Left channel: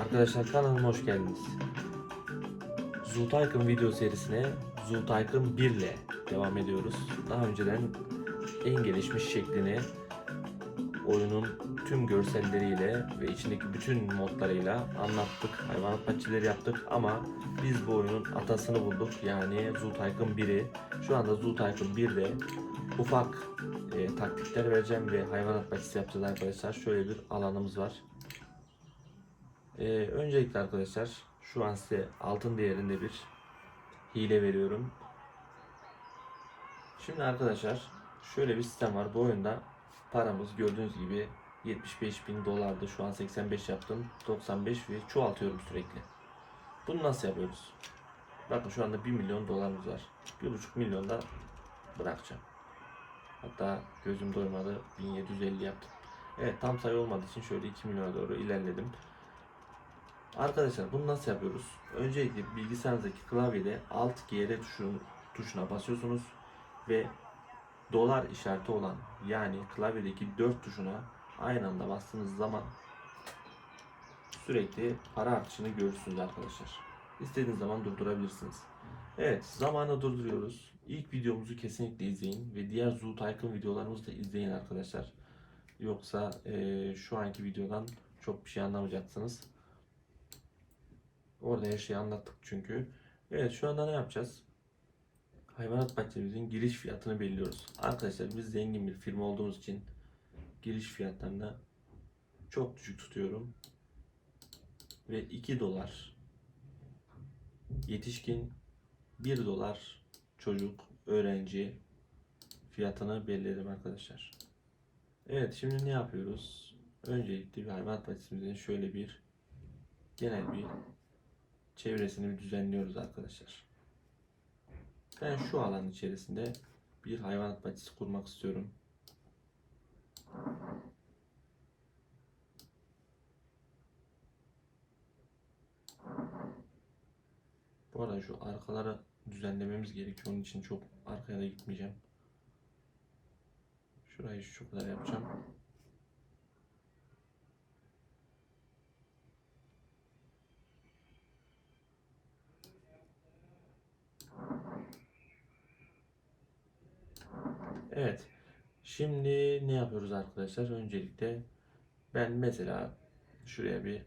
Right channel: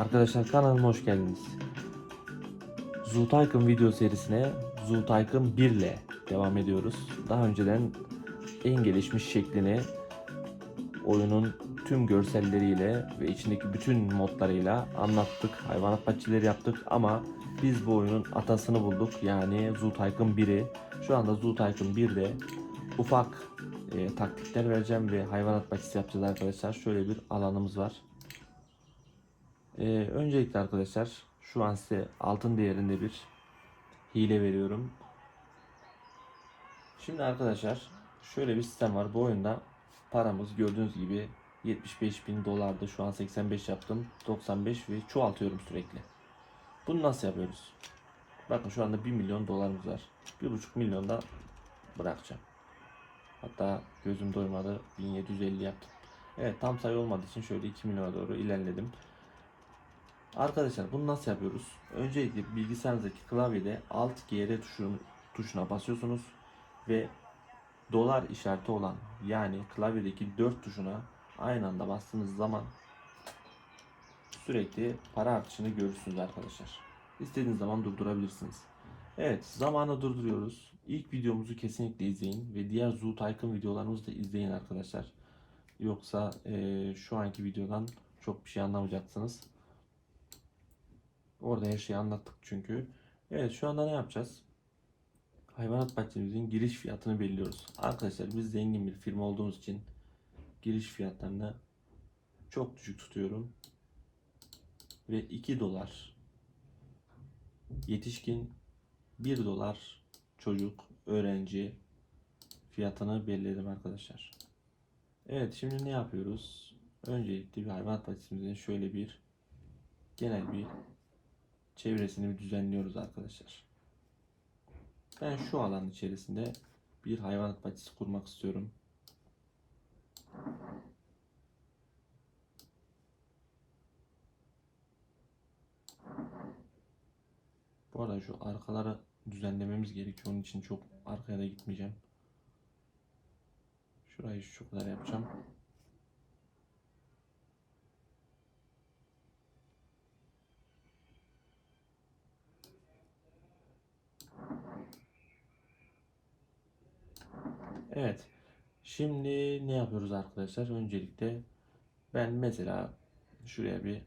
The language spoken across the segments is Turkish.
Arkadaşlar kanalıma hoş geldiniz. Zultaykın video serisine Zultaykın 1 ile devam ediyoruz. Daha önceden en gelişmiş şeklini oyunun tüm görselleriyle ve içindeki bütün modlarıyla anlattık. Hayvanat bahçeleri yaptık ama biz bu oyunun atasını bulduk. Yani Zultaykın 1'i. Şu anda Zultaykın 1'de ufak e, taktikler vereceğim ve hayvanat bahçesi yapacağız arkadaşlar. Şöyle bir alanımız var. Ee, öncelikle arkadaşlar şu an size altın değerinde bir hile veriyorum. Şimdi arkadaşlar şöyle bir sistem var. Bu oyunda paramız gördüğünüz gibi 75 bin dolardı. Şu an 85 yaptım. 95 ve çoğaltıyorum sürekli. Bunu nasıl yapıyoruz? Bakın şu anda 1 milyon dolarımız var. 1,5 milyon da bırakacağım. Hatta gözüm doymadı. 1750 yaptım. Evet tam sayı olmadığı için şöyle 2 milyona doğru ilerledim. Arkadaşlar bunu nasıl yapıyoruz? Öncelikle bilgisayarınızdaki klavyede Alt GR tuşun, tuşuna basıyorsunuz ve dolar işareti olan yani klavyedeki 4 tuşuna aynı anda bastığınız zaman sürekli para artışını görürsünüz arkadaşlar. İstediğiniz zaman durdurabilirsiniz. Evet zamanı durduruyoruz. İlk videomuzu kesinlikle izleyin ve diğer Zoo Tycoon videolarımızı da izleyin arkadaşlar. Yoksa eee, şu anki videodan çok bir şey anlamayacaksınız. Orada her şeyi anlattık çünkü. Evet şu anda ne yapacağız? Hayvanat bahçemizin giriş fiyatını belirliyoruz. Arkadaşlar biz zengin bir firma olduğumuz için giriş fiyatlarını çok düşük tutuyorum. Ve 2 dolar yetişkin 1 dolar çocuk öğrenci fiyatını belirledim arkadaşlar. Evet şimdi ne yapıyoruz? Öncelikle bir hayvanat bahçemizin şöyle bir genel bir çevresini düzenliyoruz arkadaşlar. Ben şu alanın içerisinde bir hayvanat bahçesi kurmak istiyorum. Bu arada şu arkaları düzenlememiz gerekiyor. Onun için çok arkaya da gitmeyeceğim. Şurayı şu kadar yapacağım. Evet. Şimdi ne yapıyoruz arkadaşlar? Öncelikle ben mesela şuraya bir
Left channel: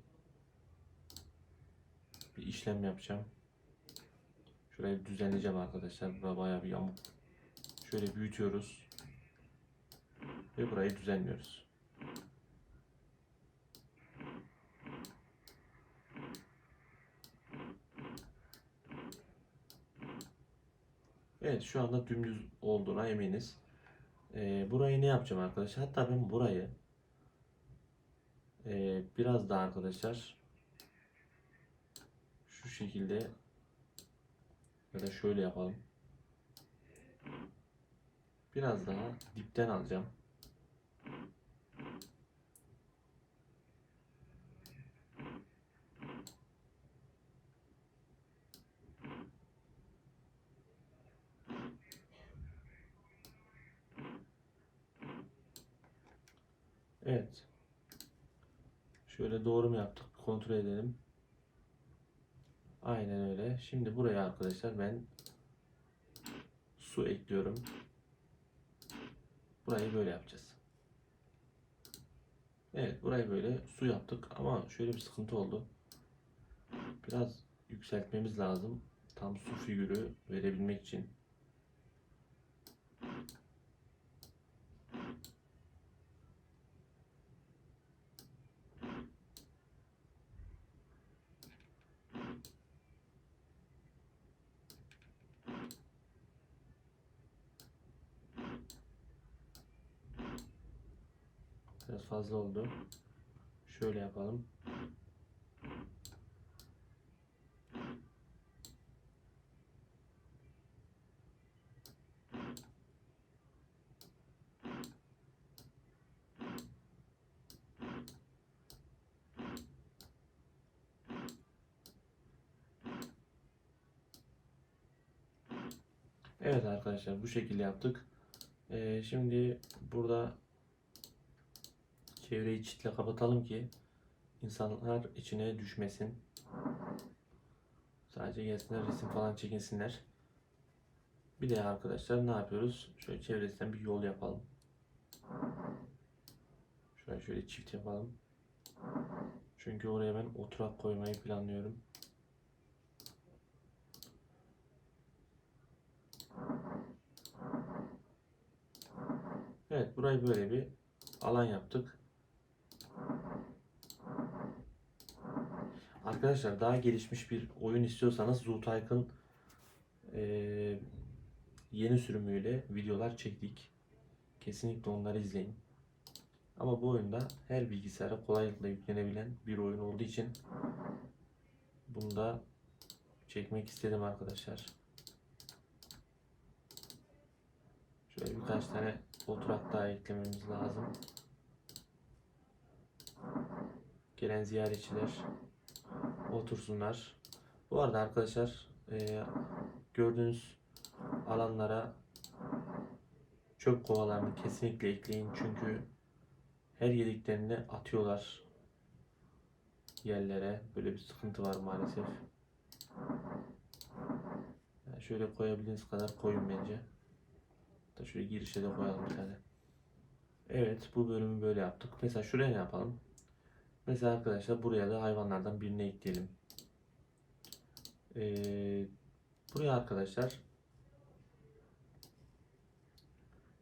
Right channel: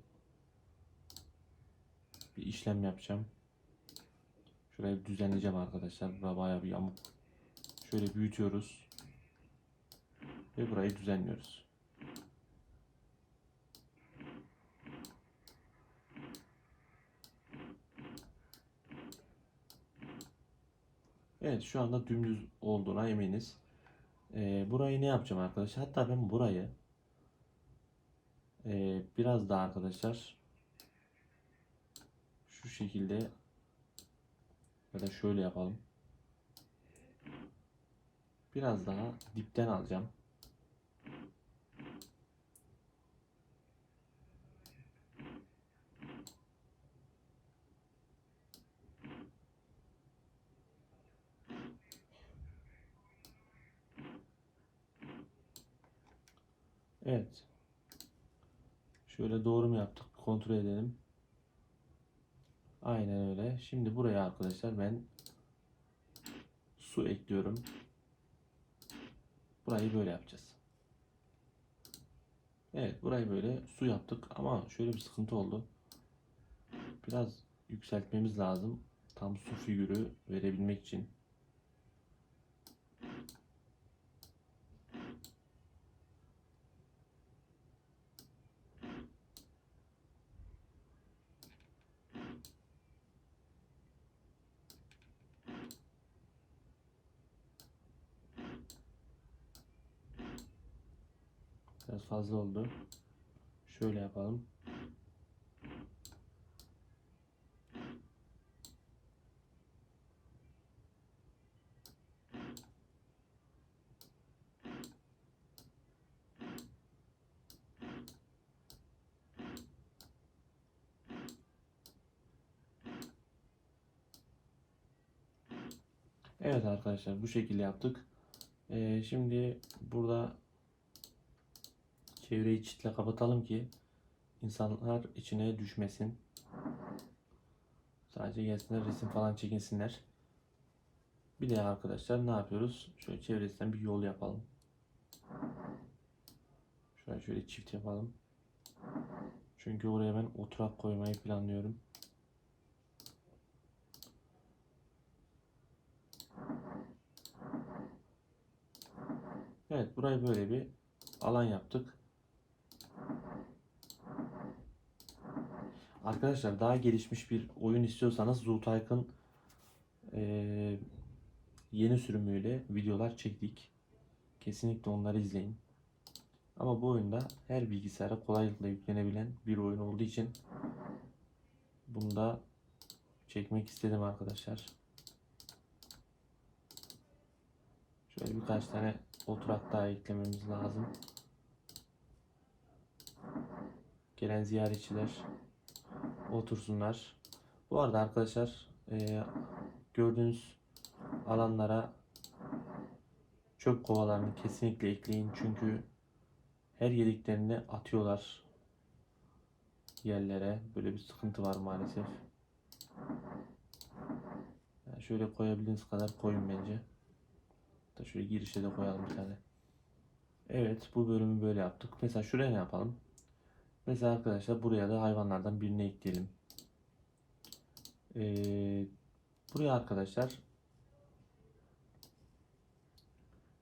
bir işlem yapacağım. Şurayı düzenleyeceğim arkadaşlar. Burada bayağı bir yamuk. Şöyle büyütüyoruz. Ve burayı düzenliyoruz. Evet şu anda dümdüz olduğuna eminiz. Ee, burayı ne yapacağım arkadaşlar? Hatta ben burayı e, biraz daha arkadaşlar şu şekilde ya da şöyle yapalım. Biraz daha dipten alacağım. Evet. Şöyle doğru mu yaptık? Kontrol edelim. Aynen öyle. Şimdi buraya arkadaşlar ben su ekliyorum. Burayı böyle yapacağız. Evet burayı böyle su yaptık ama şöyle bir sıkıntı oldu. Biraz yükseltmemiz lazım. Tam su figürü verebilmek için. Biraz fazla oldu. Şöyle yapalım. Evet arkadaşlar bu şekilde yaptık. Ee, şimdi burada çevreyi çitle kapatalım ki insanlar içine düşmesin. Sadece gelsinler resim falan çekinsinler. Bir de arkadaşlar ne yapıyoruz? Şöyle çevresinden bir yol yapalım. Şöyle şöyle çift yapalım. Çünkü oraya ben oturak koymayı planlıyorum. Evet burayı böyle bir alan yaptık. Arkadaşlar daha gelişmiş bir oyun istiyorsanız Zootycoon eee yeni sürümüyle videolar çektik. Kesinlikle onları izleyin. Ama bu oyunda her bilgisayara kolaylıkla yüklenebilen bir oyun olduğu için bunu da çekmek istedim arkadaşlar. Şöyle birkaç tane oturak daha eklememiz lazım. Gelen ziyaretçiler otursunlar. Bu arada arkadaşlar e, gördüğünüz alanlara çöp kovalarını kesinlikle ekleyin çünkü her yediklerini atıyorlar yerlere. Böyle bir sıkıntı var maalesef. Yani şöyle koyabildiğiniz kadar koyun bence. Da şöyle girişe de koyalım bir tane. Evet bu bölümü böyle yaptık. Mesela şuraya ne yapalım? Mesela arkadaşlar buraya da hayvanlardan birini ekleyelim. Ee, buraya arkadaşlar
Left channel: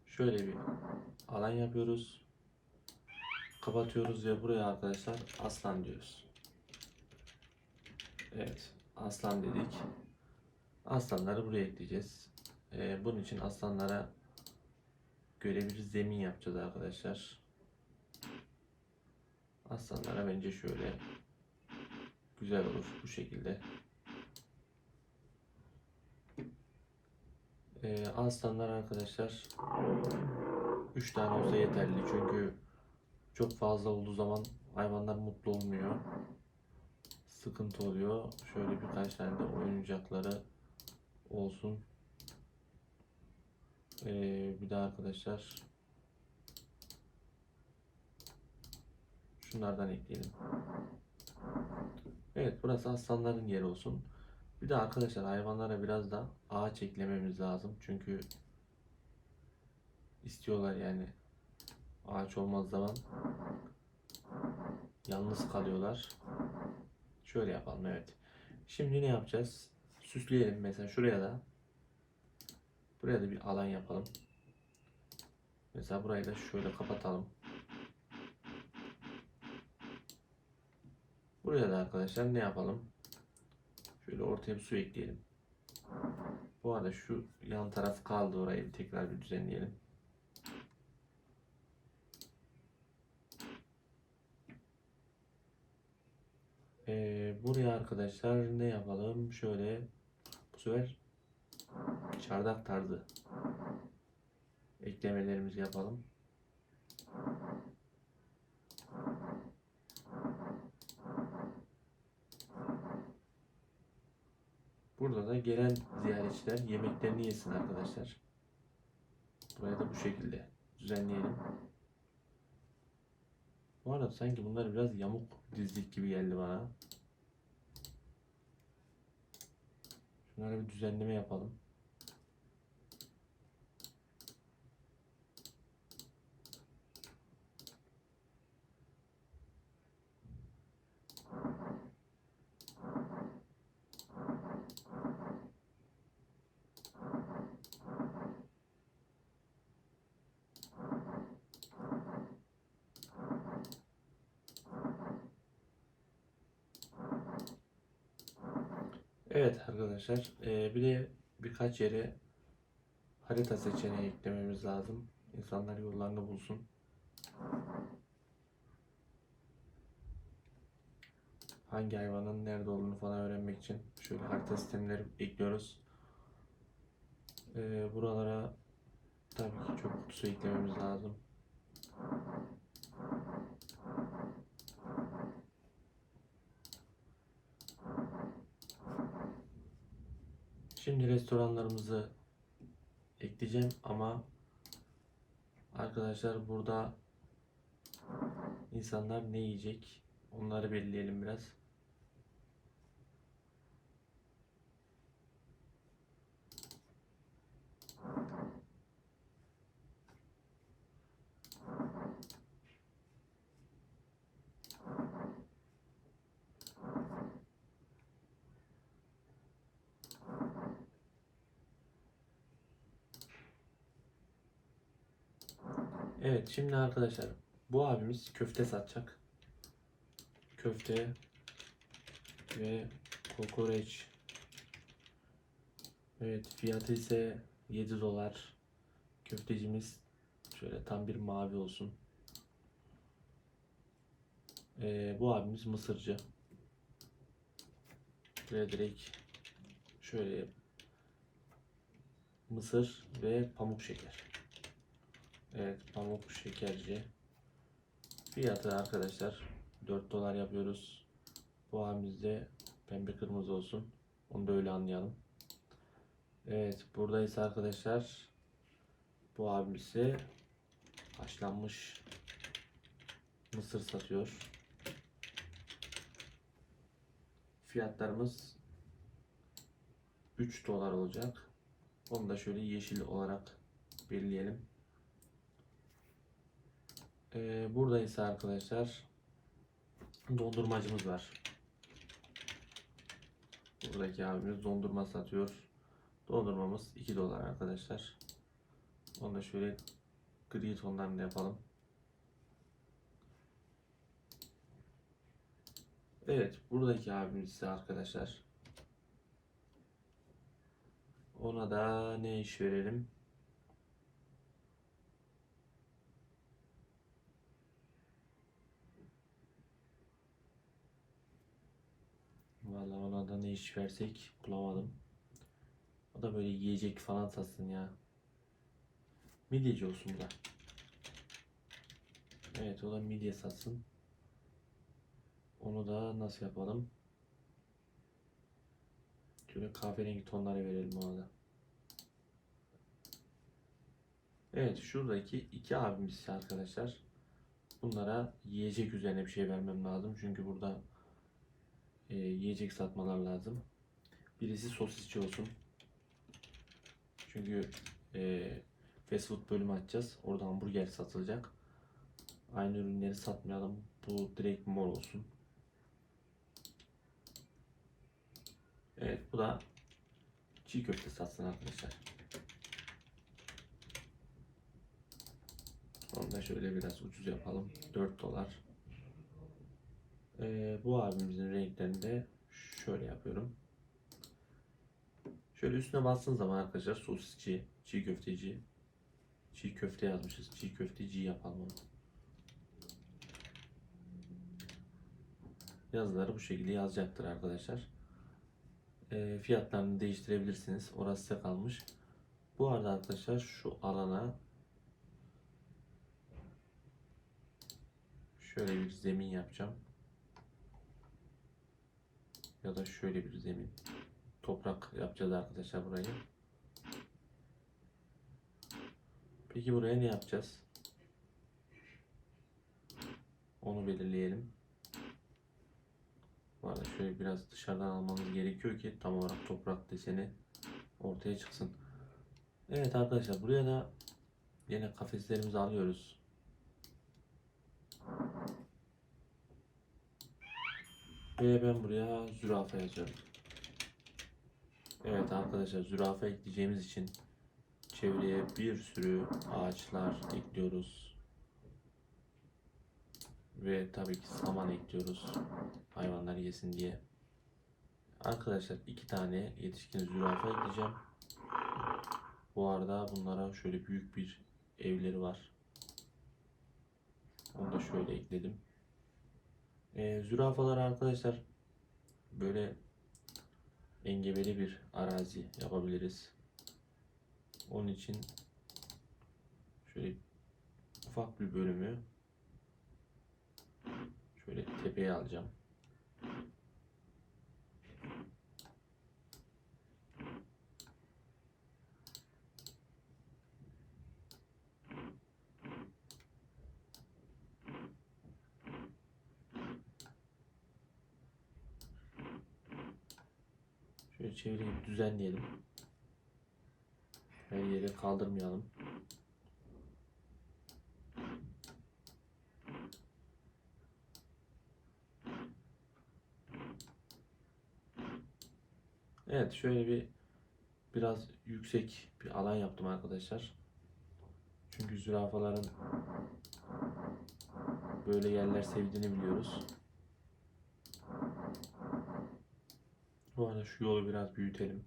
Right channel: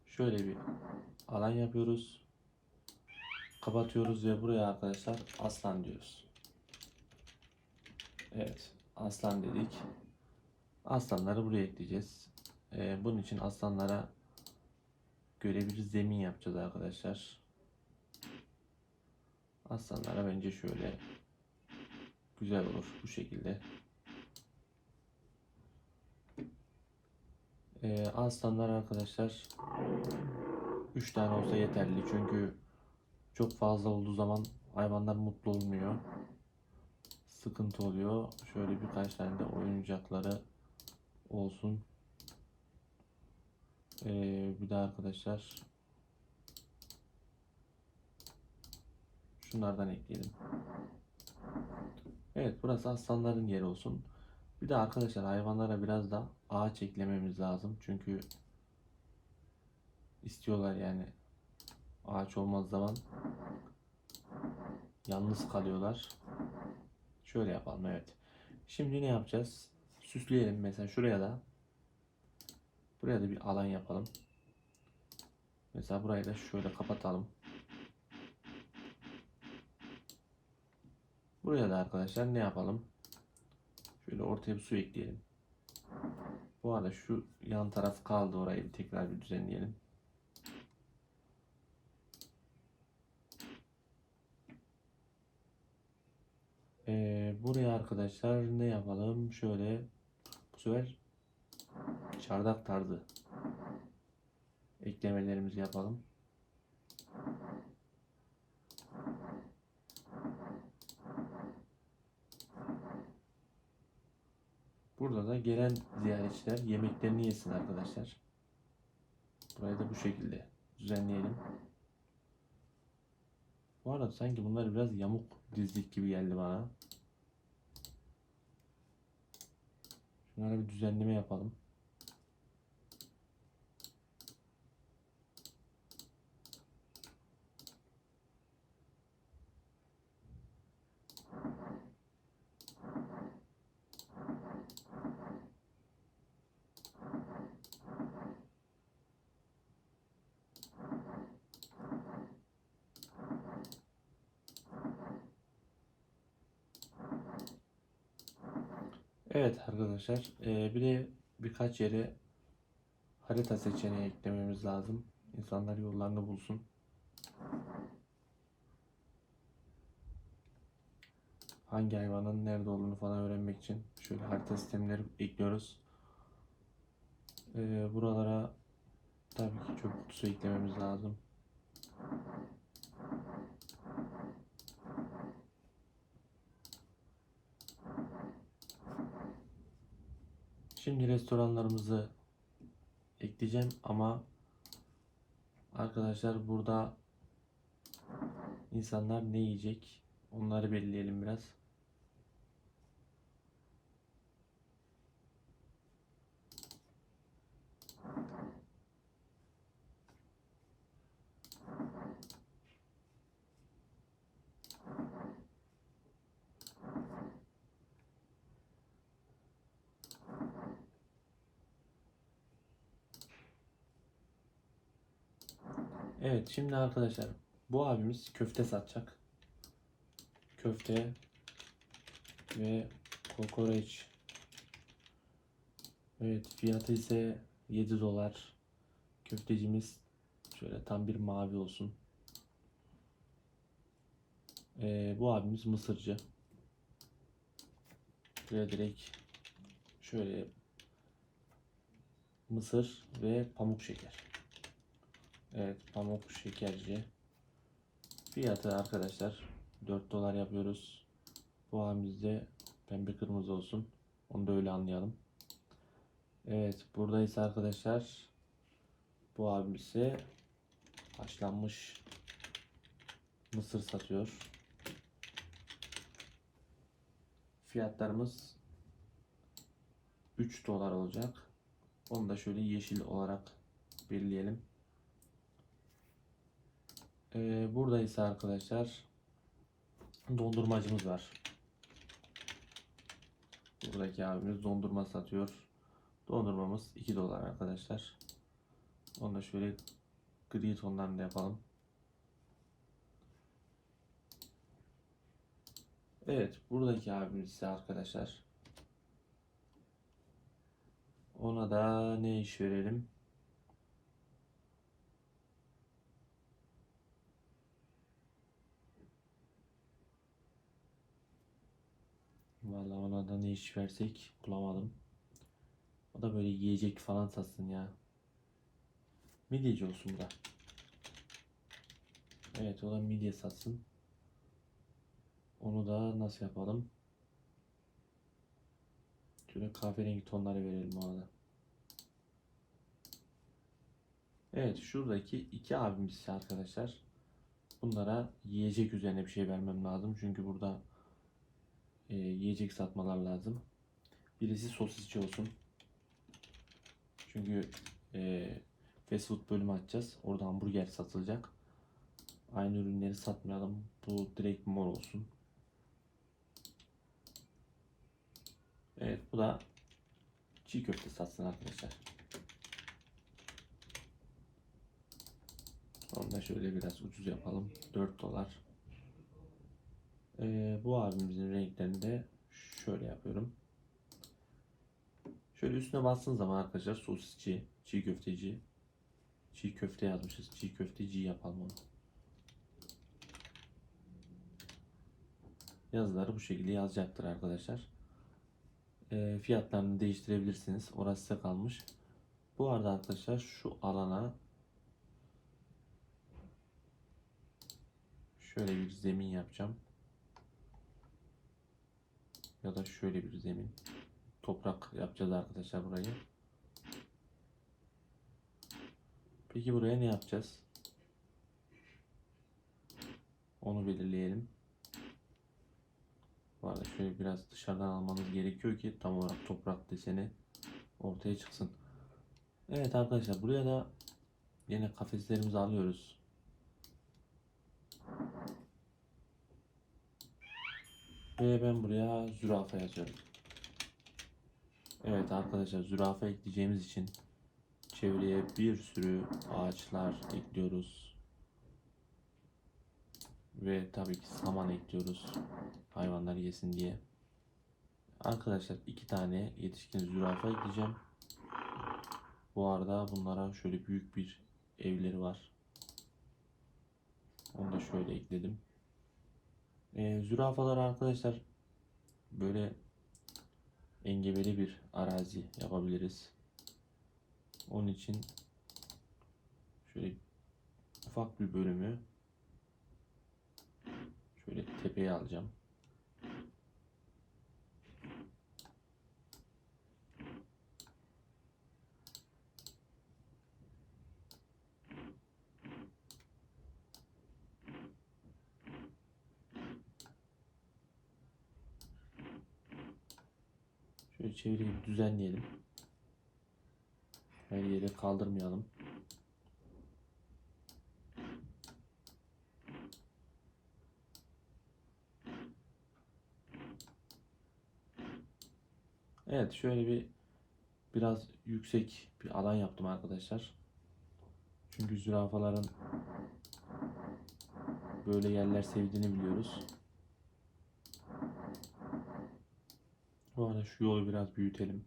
şöyle bir alan yapıyoruz. Kapatıyoruz ve buraya arkadaşlar aslan diyoruz. Evet aslan dedik. Aslanları buraya ekleyeceğiz. Ee, bunun için aslanlara göre bir zemin yapacağız arkadaşlar. Aslanlara bence şöyle güzel olur bu şekilde. Ee, aslanlar arkadaşlar 3 tane olsa yeterli çünkü çok fazla olduğu zaman hayvanlar mutlu olmuyor. Sıkıntı oluyor. Şöyle birkaç tane de oyuncakları olsun. Ee, bir de arkadaşlar şunlardan ekleyelim. Evet burası aslanların yeri olsun. Bir de arkadaşlar hayvanlara biraz da ağaç eklememiz lazım. Çünkü istiyorlar yani ağaç olmaz zaman yalnız kalıyorlar. Şöyle yapalım evet. Şimdi ne yapacağız? Süsleyelim mesela şuraya da buraya da bir alan yapalım. Mesela burayı da şöyle kapatalım. Buraya da arkadaşlar ne yapalım? Şöyle ortaya bir su ekleyelim. Bu arada şu yan taraf kaldı orayı bir tekrar bir düzenleyelim. Ee, buraya arkadaşlar ne yapalım? Şöyle bu sefer çardak tarzı eklemelerimizi yapalım. Burada da gelen ziyaretçiler yemeklerini yesin arkadaşlar. Burayı da bu şekilde düzenleyelim. Bu arada sanki bunlar biraz yamuk dizdik gibi geldi bana. Şunlara bir düzenleme yapalım. Evet arkadaşlar eee, bir de birkaç yere harita seçeneği eklememiz lazım. İnsanlar yollarını bulsun. Hangi hayvanın nerede olduğunu falan öğrenmek için şöyle harita sistemleri ekliyoruz. Eee, buralara tabii ki çöp kutusu eklememiz lazım. Şimdi restoranlarımızı ekleyeceğim ama arkadaşlar burada insanlar ne yiyecek Onları belirleyelim biraz. Evet şimdi arkadaşlar bu abimiz köfte satacak. Köfte ve kokoreç. Evet fiyatı ise 7 dolar. Köftecimiz şöyle tam bir mavi olsun. Ee, bu abimiz Mısırcı. Şöyle direkt şöyle mısır ve pamuk şeker. Evet pamuk şekerci. Fiyatı arkadaşlar 4 dolar yapıyoruz. Bu abimizde pembe kırmızı olsun. Onu da öyle anlayalım. Evet buradaysa arkadaşlar bu abimize haşlanmış mısır satıyor. Fiyatlarımız 3 dolar olacak. Onu da şöyle yeşil olarak belirleyelim. Ee, burada ise arkadaşlar dondurmacımız var. Buradaki abimiz dondurma satıyor. Dondurmamız 2 dolar arkadaşlar. Onu da şöyle gri tonlarında yapalım. Evet, buradaki abimiz ise arkadaşlar. Ona da ne iş verelim? Vallahi ona da ne iş versek bulamadım. O da böyle yiyecek falan satsın ya. Midyeci olsun da. Evet o da midye satsın. Onu da nasıl yapalım? Şöyle kahverengi tonları verelim ona da. Evet şuradaki iki abimiz arkadaşlar. Bunlara yiyecek üzerine bir şey vermem lazım. Çünkü burada e, yiyecek satmalar lazım. Birisi sosisçi olsun. Çünkü e, fast food bölümü açacağız. Orada hamburger satılacak. Aynı ürünleri satmayalım. Bu direkt mor olsun. Evet bu da çiğ köfte satsın arkadaşlar. Onu da şöyle biraz ucuz yapalım. 4 dolar. Ee, bu abimizin renklerini de şöyle yapıyorum. Şöyle üstüne bastığın zaman arkadaşlar sosisçi, çiğ köfteci, çiğ köfte yazmışız. Çiğ köfteci yapalım onu. Yazıları bu şekilde yazacaktır arkadaşlar. Ee, fiyatlarını değiştirebilirsiniz. Orası size kalmış. Bu arada arkadaşlar şu alana şöyle bir zemin yapacağım. Ya da şöyle bir zemin. Toprak yapacağız arkadaşlar burayı. Peki buraya ne yapacağız? Onu belirleyelim. Arada şöyle biraz dışarıdan almamız gerekiyor ki tam olarak toprak deseni ortaya çıksın. Evet arkadaşlar buraya da yine kafeslerimizi alıyoruz. Ve ben buraya zürafa yazıyorum. Evet arkadaşlar zürafa ekleyeceğimiz için çevreye bir sürü ağaçlar ekliyoruz. Ve tabii ki saman ekliyoruz. Hayvanlar yesin diye. Arkadaşlar iki tane yetişkin zürafa ekleyeceğim. Bu arada bunlara şöyle büyük bir evleri var. Onu da şöyle ekledim. Ee, zürafaları arkadaşlar böyle engebeli bir arazi yapabiliriz. Onun için şöyle ufak bir bölümü şöyle tepeye alacağım. Bir düzenleyelim. Her yeri kaldırmayalım. Evet şöyle bir biraz yüksek bir alan yaptım arkadaşlar. Çünkü zürafaların böyle yerler sevdiğini biliyoruz. Bu arada şu yolu biraz büyütelim.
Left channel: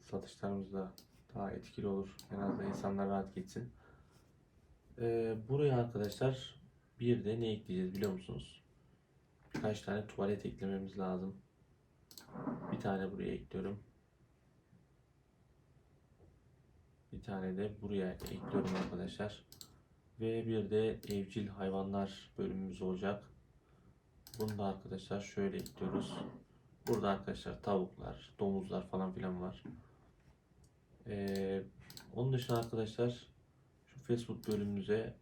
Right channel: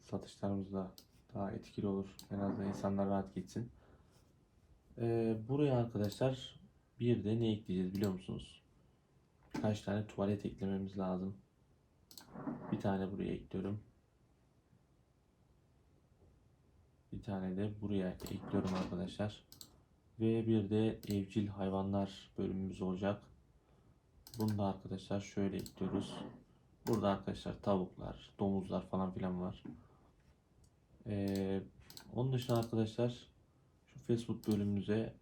Satışlarımız da daha etkili olur. En azından insanlar rahat gitsin. Ee, buraya arkadaşlar bir de ne ekleyeceğiz biliyor musunuz? Birkaç tane tuvalet eklememiz lazım. Bir tane buraya ekliyorum. Bir tane de buraya ekliyorum arkadaşlar. Ve bir de evcil hayvanlar bölümümüz olacak. Bunu da arkadaşlar şöyle ekliyoruz. Burada arkadaşlar tavuklar, domuzlar falan filan var. Ee, onun dışında arkadaşlar şu fast food bölümümüze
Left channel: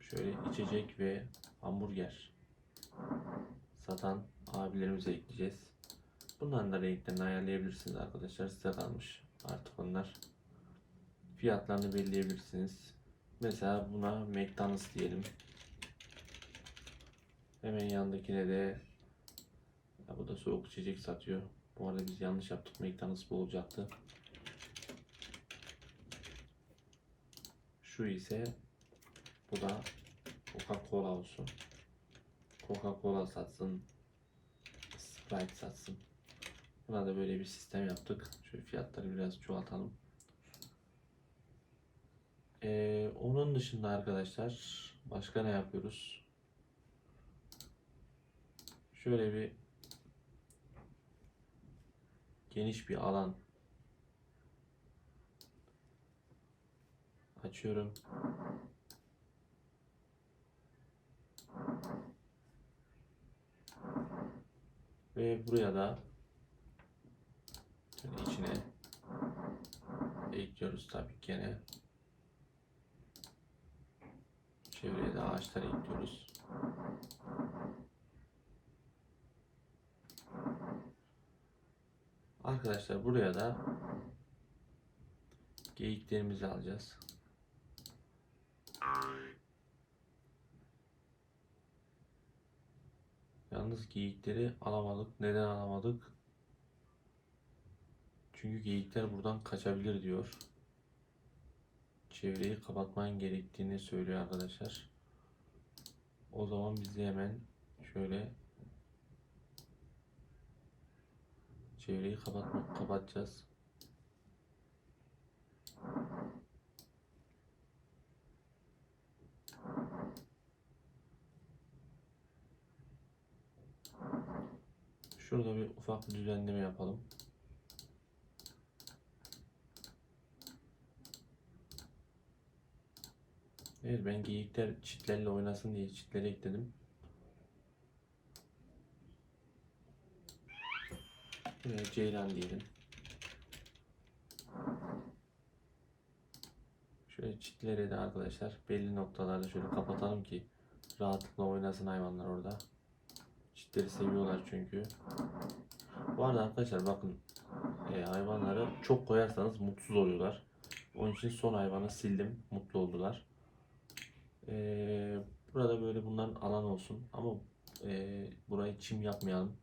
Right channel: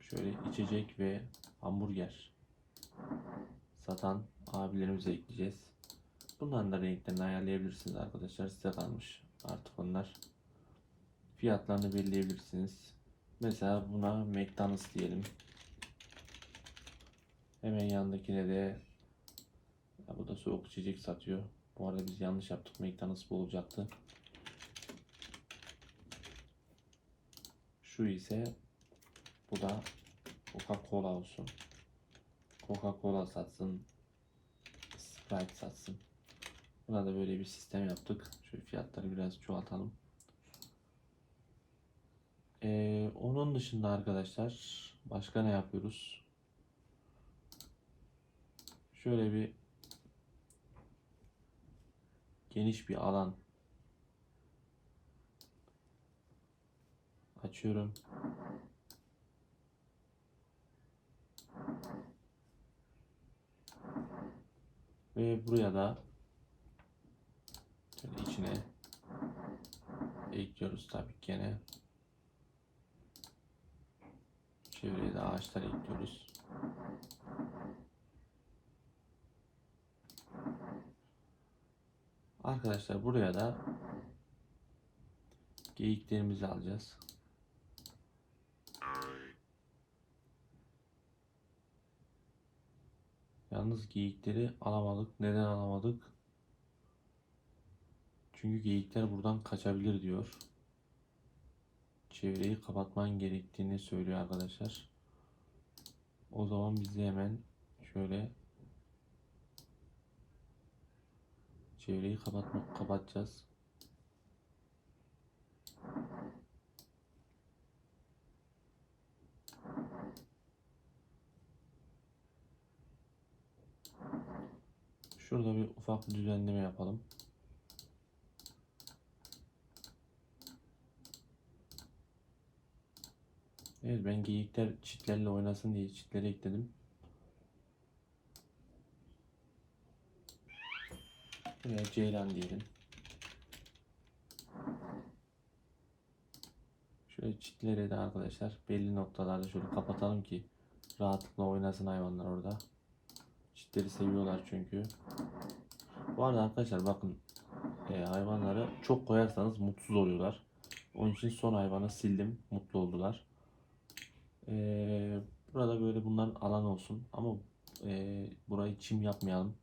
şöyle içecek ve hamburger satan abilerimize ekleyeceğiz. Bunların da renklerini ayarlayabilirsiniz arkadaşlar. Size kalmış artık onlar. Fiyatlarını belirleyebilirsiniz. Mesela buna McDonald's diyelim. Hemen yanındakine de ya bu da soğuk içecek satıyor. Bu arada biz yanlış yaptık. McDonald's bu olacaktı. Şu ise bu da Coca-Cola olsun. Coca-Cola satsın. Sprite satsın. Buna da böyle bir sistem yaptık. Şu fiyatları biraz çoğaltalım. Ee, onun dışında arkadaşlar başka ne yapıyoruz? Şöyle bir geniş bir alan açıyorum. Ve buraya da içine ekliyoruz tabii gene. Çevreye de ağaçlar ekliyoruz. Arkadaşlar buraya da geyiklerimizi alacağız. Yalnız geyikleri alamadık. Neden alamadık? Çünkü geyikler buradan kaçabilir diyor. Çevreyi kapatman gerektiğini söylüyor arkadaşlar. O zaman biz de hemen şöyle çevreyi kapatmak kapatacağız. Şurada bir ufak bir düzenleme yapalım. Evet ben geyikler çitlerle oynasın diye çitleri ekledim. Veya ceylan diyelim. Şöyle çitleri de arkadaşlar belli noktalarda şöyle kapatalım ki rahatlıkla oynasın hayvanlar orada. Çitleri seviyorlar çünkü. Bu arada arkadaşlar bakın e, hayvanlara çok koyarsanız mutsuz oluyorlar. Onun için son hayvanı sildim. Mutlu oldular. E, burada böyle bunların alan olsun. Ama e, burayı çim yapmayalım.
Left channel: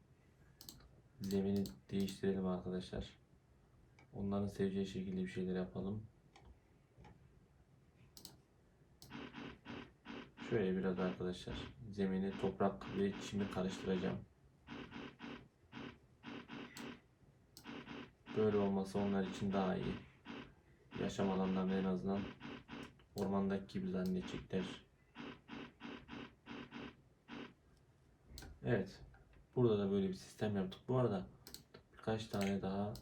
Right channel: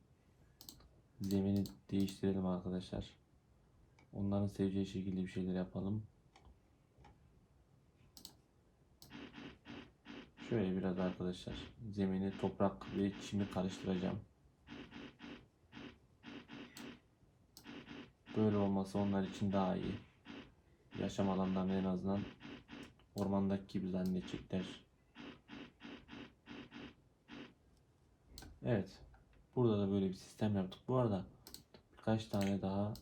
Zemini değiştirelim arkadaşlar. Onların seveceği şekilde bir şeyler yapalım. Şöyle biraz arkadaşlar zemini toprak ve çimi karıştıracağım. Böyle olması onlar için daha iyi. Yaşam alanlarını en azından ormandaki gibi zannedecekler. Evet. Burada da böyle bir sistem yaptık. Bu arada birkaç tane daha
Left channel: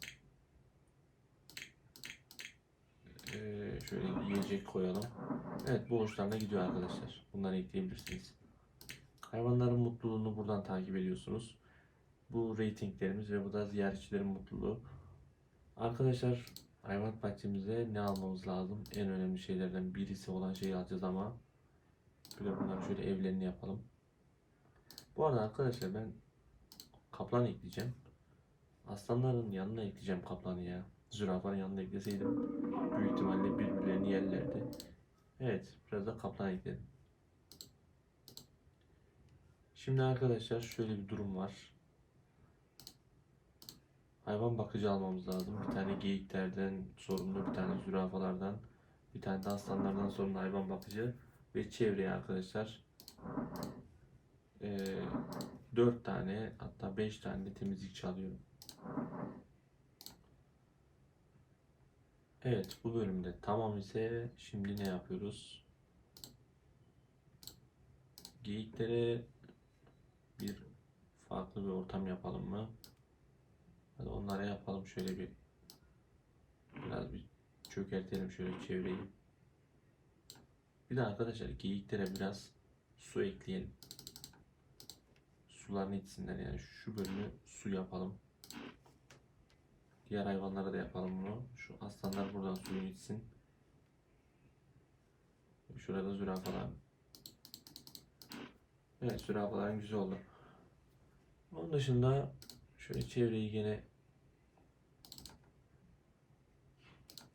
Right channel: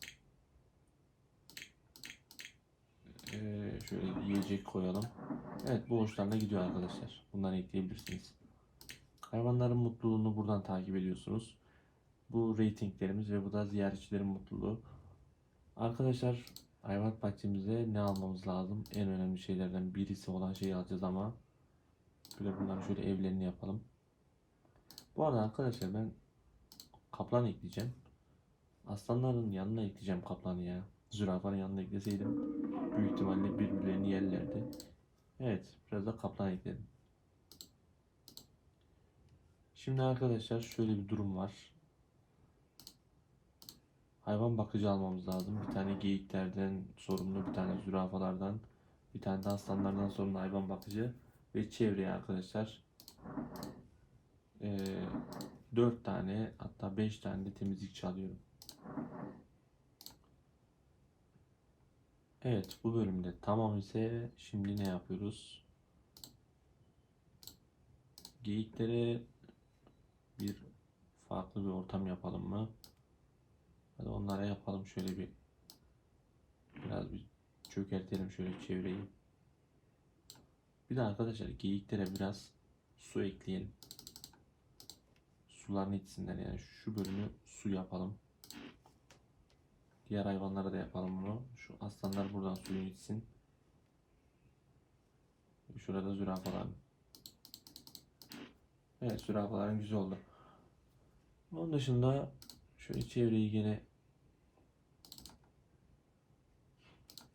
eee, şöyle yiyecek koyalım. Evet bu hoşlarına gidiyor arkadaşlar. Bunları ekleyebilirsiniz. Hayvanların mutluluğunu buradan takip ediyorsunuz. Bu ratinglerimiz ve bu da ziyaretçilerin mutluluğu. Arkadaşlar hayvanat bahçemize ne almamız lazım? En önemli şeylerden birisi olan şeyi alacağız ama böyle bunları şöyle evlerini yapalım. Bu arada arkadaşlar ben kaplan ekleyeceğim. Aslanların yanına ekleyeceğim kaplanı ya. Zürafanın yanına ekleseydim büyük ihtimalle birbirlerini yerlerdi. Evet, biraz da kaplan ekledim. Şimdi arkadaşlar şöyle bir durum var. Hayvan bakıcı almamız lazım. Bir tane geyiklerden sorumlu, bir tane zürafalardan, bir tane de aslanlardan sorumlu hayvan bakıcı ve çevreye arkadaşlar 4 tane hatta 5 tane temizlikçi alıyorum. Evet bu bölümde tamam ise şimdi ne yapıyoruz? Geyiklere bir farklı bir ortam yapalım mı? Hadi onlara yapalım şöyle bir biraz bir çökertelim şöyle çevreyi. Bir de arkadaşlar geyiklere biraz su ekleyelim. Sularını içsinler yani şu bölümü su yapalım. Diğer hayvanlara da yapalım bunu. Şu aslanlar buradan suyunu içsin. Şurada zürafalar. Evet zürafaların güzel oldu. Onun dışında şöyle çevreyi gene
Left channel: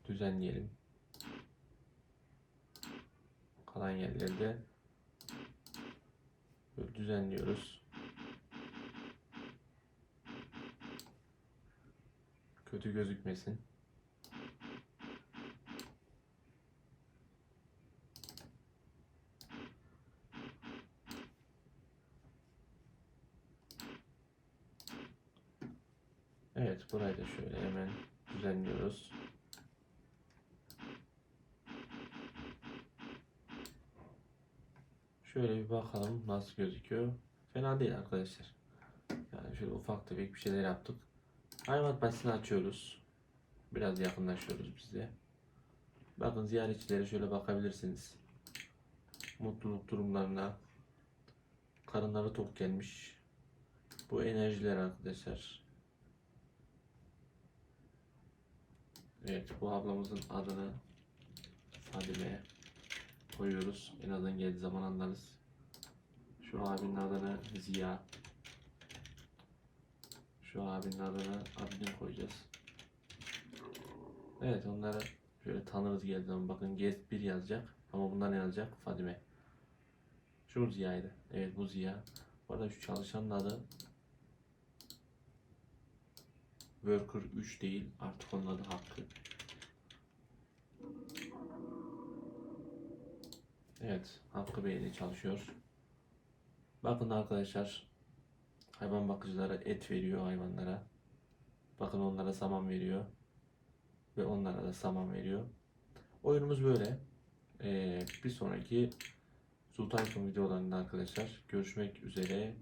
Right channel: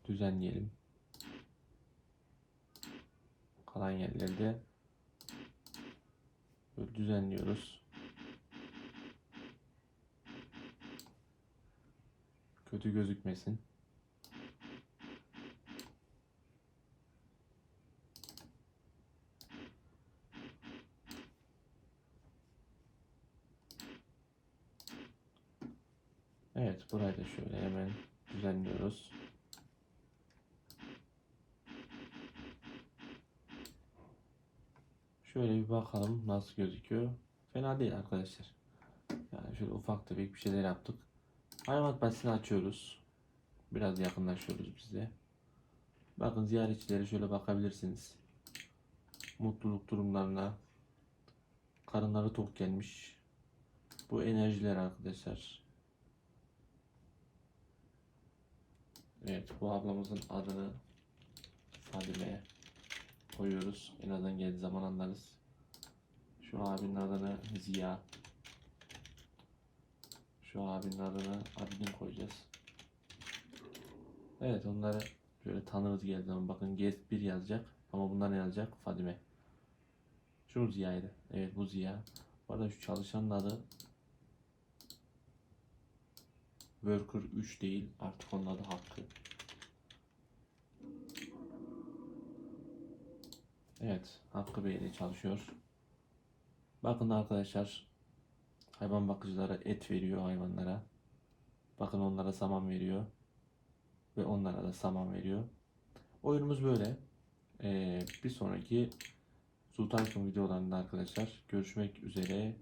düzenleyelim. Kalan yerleri de böyle düzenliyoruz. Kötü gözükmesin. Evet, burayı da şöyle hemen düzenliyoruz. Şöyle bir bakalım nasıl gözüküyor. Fena değil arkadaşlar. Yani şöyle ufak tefek bir şeyler yaptık. Hayvanat bahçesini açıyoruz. Biraz yakınlaşıyoruz biz de. Bakın ziyaretçilere şöyle bakabilirsiniz. Mutluluk durumlarına. Karınları tok gelmiş. Bu enerjiler arkadaşlar. Evet bu ablamızın adını Fadime koyuyoruz. En azından geldiği zaman anlarız. Şu abinin adını Ziya. Şu abinin adını Abidin koyacağız. Evet onları şöyle tanırız geldiği. Bakın Guest 1 yazacak. Ama bunlar ne yazacak? Fadime. Şu Ziya'ydı. Evet bu Ziya. Bu arada şu çalışanın adı Worker 3 değil. Artık onun adı Hakkı. Evet. Hakkı Bey ile çalışıyor. Bakın arkadaşlar. Hayvan bakıcılara et veriyor hayvanlara. Bakın onlara saman veriyor. Ve onlara da saman veriyor. Oyunumuz böyle. Ee, bir sonraki Sultankum videolarında arkadaşlar görüşmek üzere.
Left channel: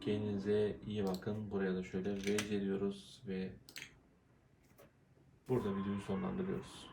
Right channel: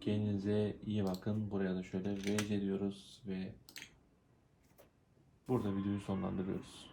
Kendinize iyi bakın. Buraya da şöyle VC diyoruz ve burada videoyu sonlandırıyoruz.